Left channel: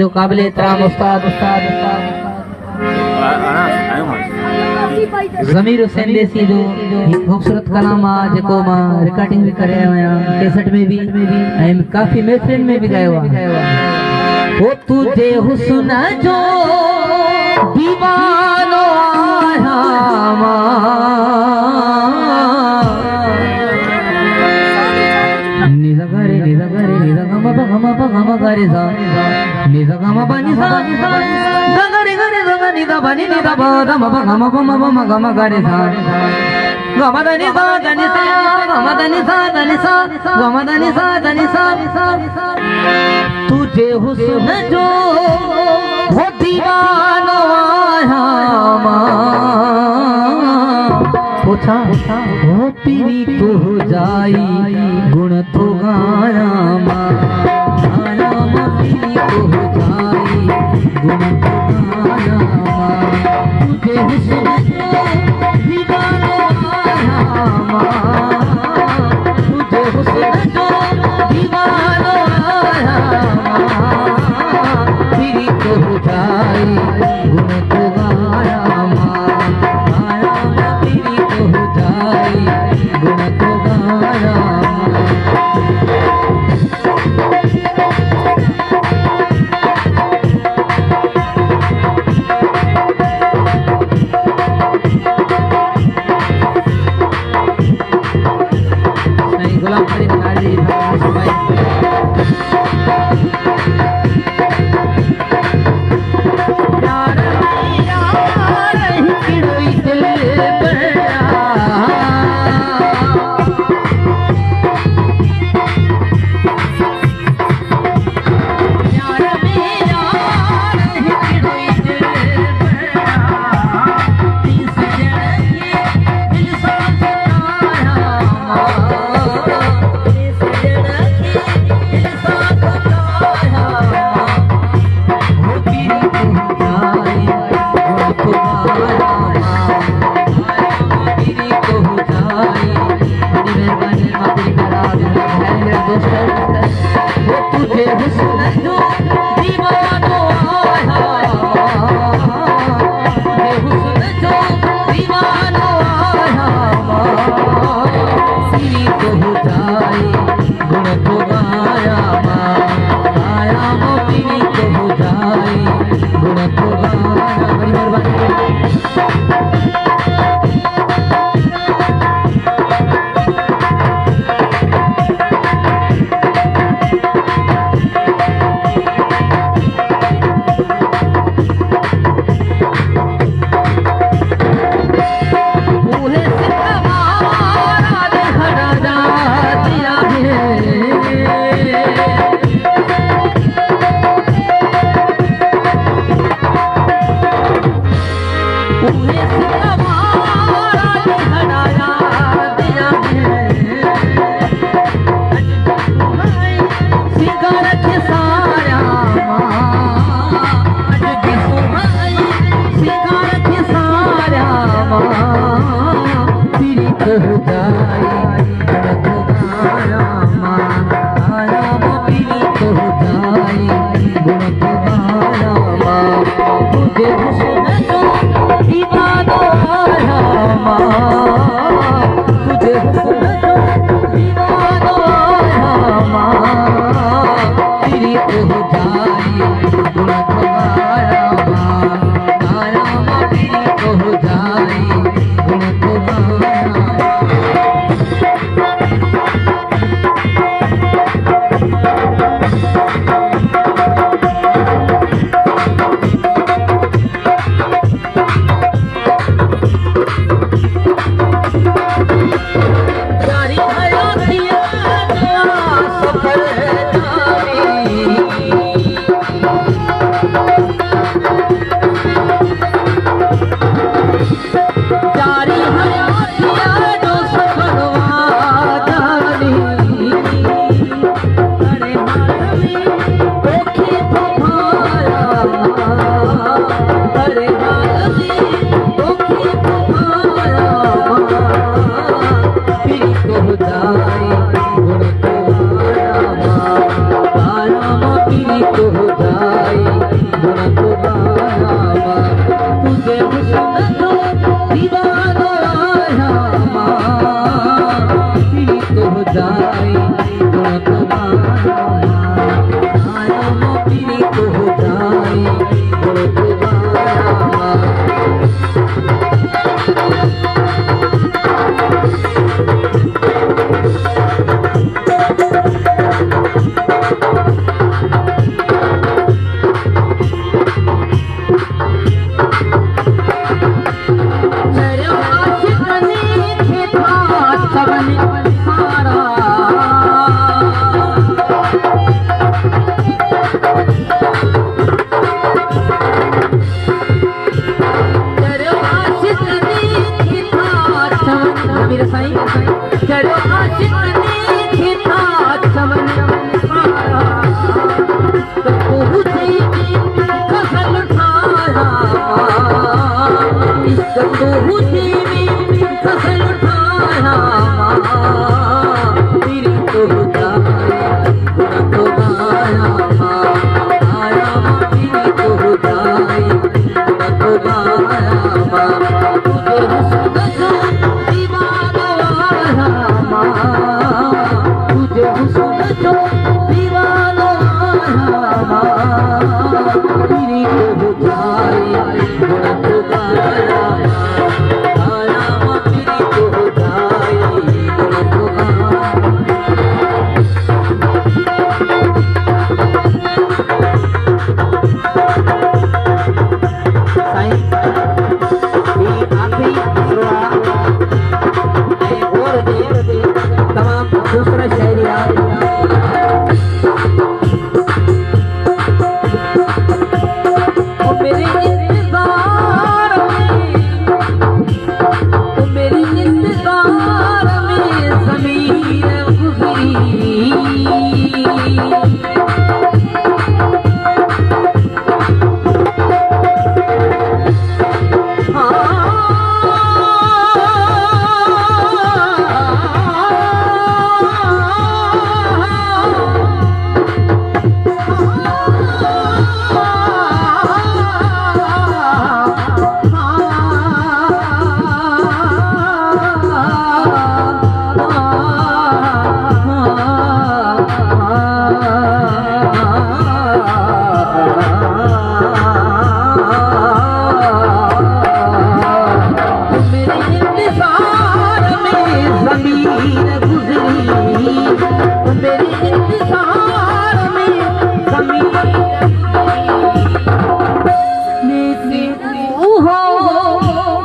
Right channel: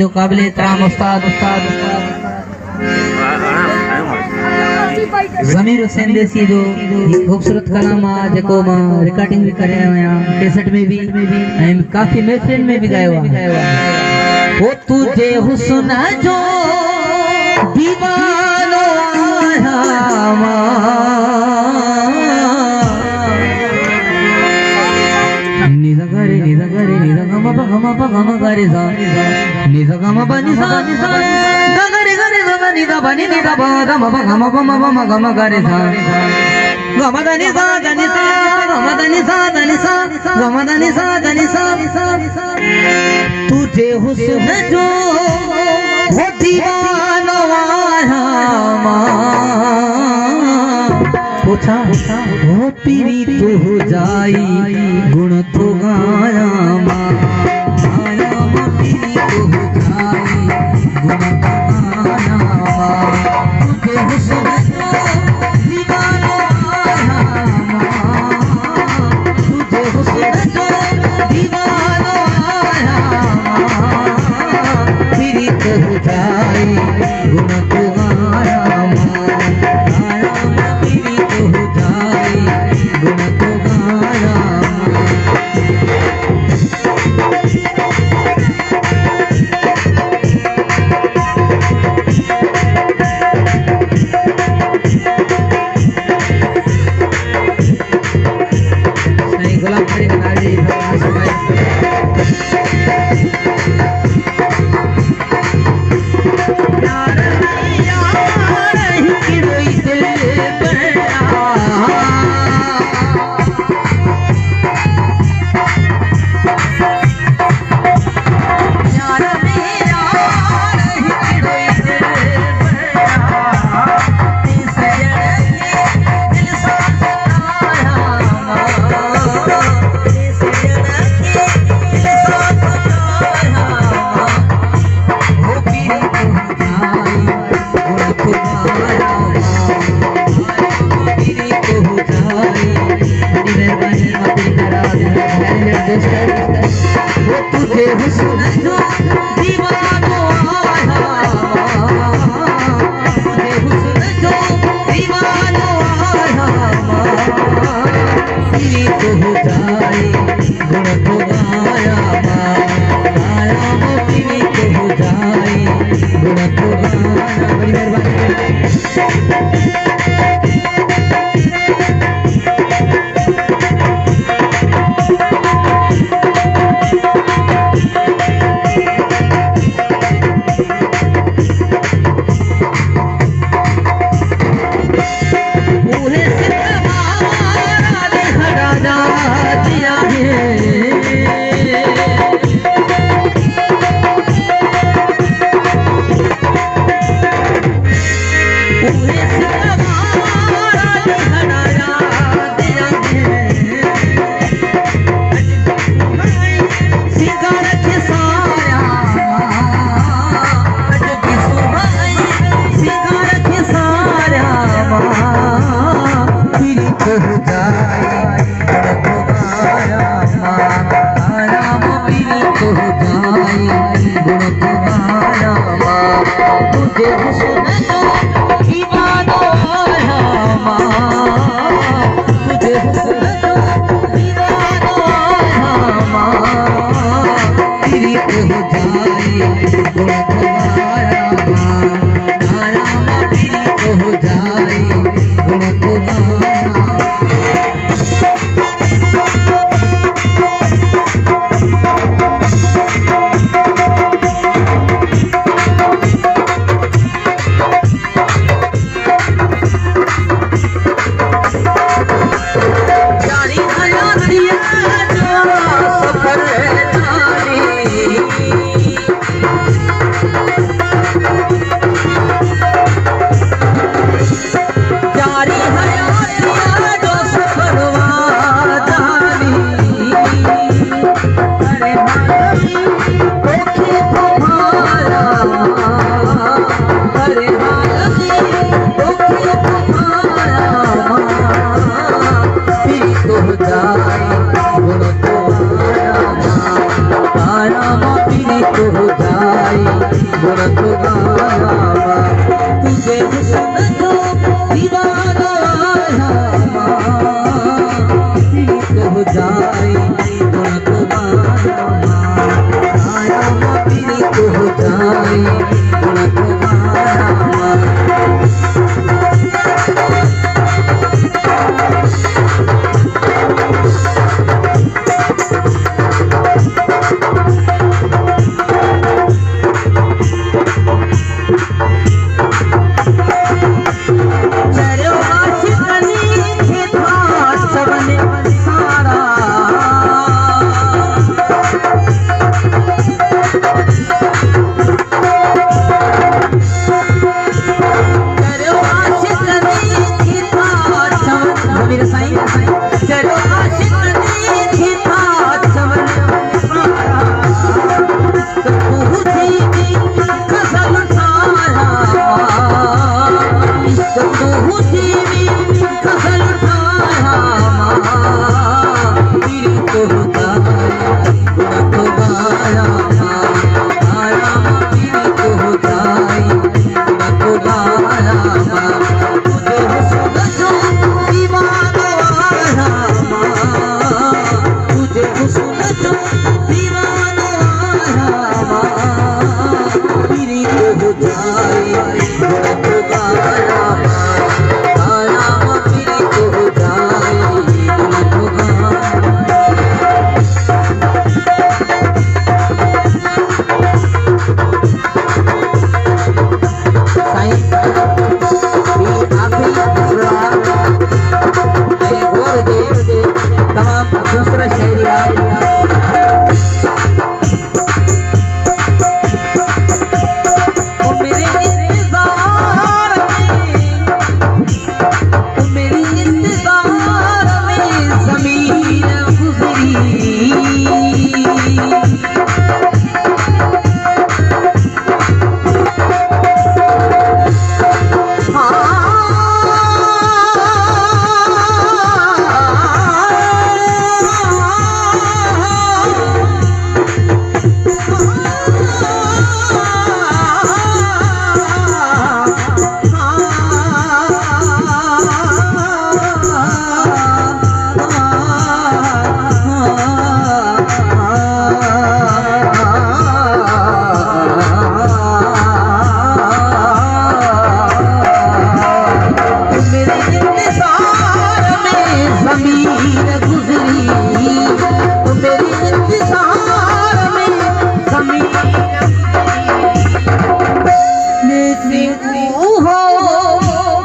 जो काबिल एहतराम उस्ताद ज़मीर हुसैन देसी जो खूबसूरत कलामा जेको मां रिकॉर्डिंग भी करे आया कैसेट में भी एंड काफी महफिल में भी गायो वो तुझे हुस्न जो दीवानो आया निजा गरे निजा गम गरे सा निजा गम बनी सा गरे गरे निजा बनी निजा गम गरे सा गम दनी सा दनी सा गम दनी सा दनी सा गम दनी सा दनी सा तुझे हुस्न जो हो दीवाना पूछा हो पीरी तो हो जाई गुण तो गाया पीरी तो हो जाई गुण तो गाया तुझे हुस्न जो दीवाना तुझे हुस्न जो दीवाना पीरी तो हो जाई गुण तो गाया गुण तो गाया नहीं गुलाम खड़ी बना दी जाए गुण तो गाना तुझे हुस्न तो दीवाना पीड़ित हो जाए गुण तो गाना पीड़ित हो जाए गुण तो गाना मेरे साईं चलो आशिक ने था चमन तो तुझे खसल थारा इश्क तुझे खसल थारा मेरी तो गाना तो गाना आया मेरी तो गाना तो गाना तुझे हुस्न जो तुझे हुस्न जो दीवाना पीड़ित हो जाए गुण तो गाना पीड़ित हो जाए गुण तो दूसरा शायरी मेरे इंतजार में ज़मीन गुज़री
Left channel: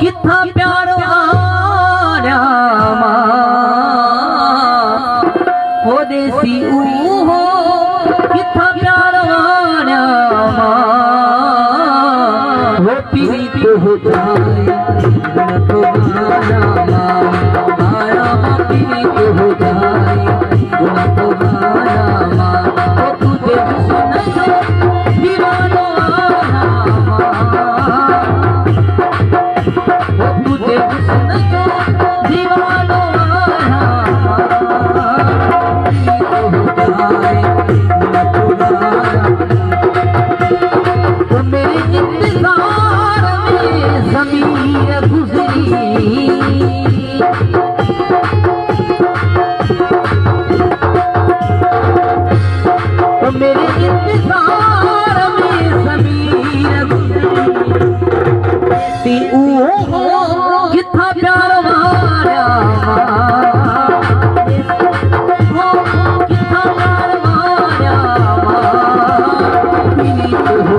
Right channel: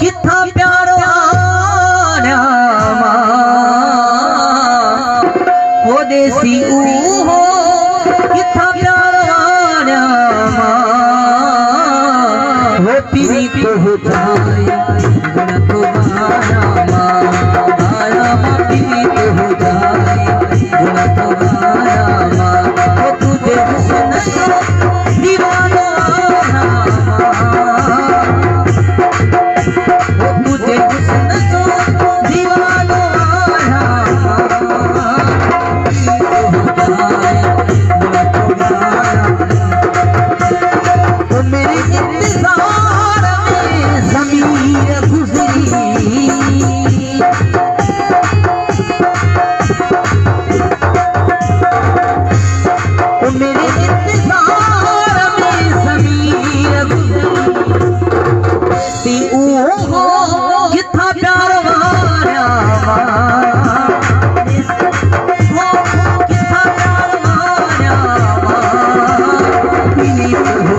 कितना प्यारो हो देसी हो कितना प्यारो वो पीड़ित हो जाए गुण तो गाना पीड़ित हो जाए गुण तो गाना वो तुझे हुस्न दीवाना तुझे हुस्न जो दीवाना हो जाए गुण तो गाना वो मेरे इंतजार में ज़मीन गुज़री वो मेरे इंतजार में ज़मीन गुज़री हो कितना प्यार वारा कितना प्यार वारा पीड़ित हो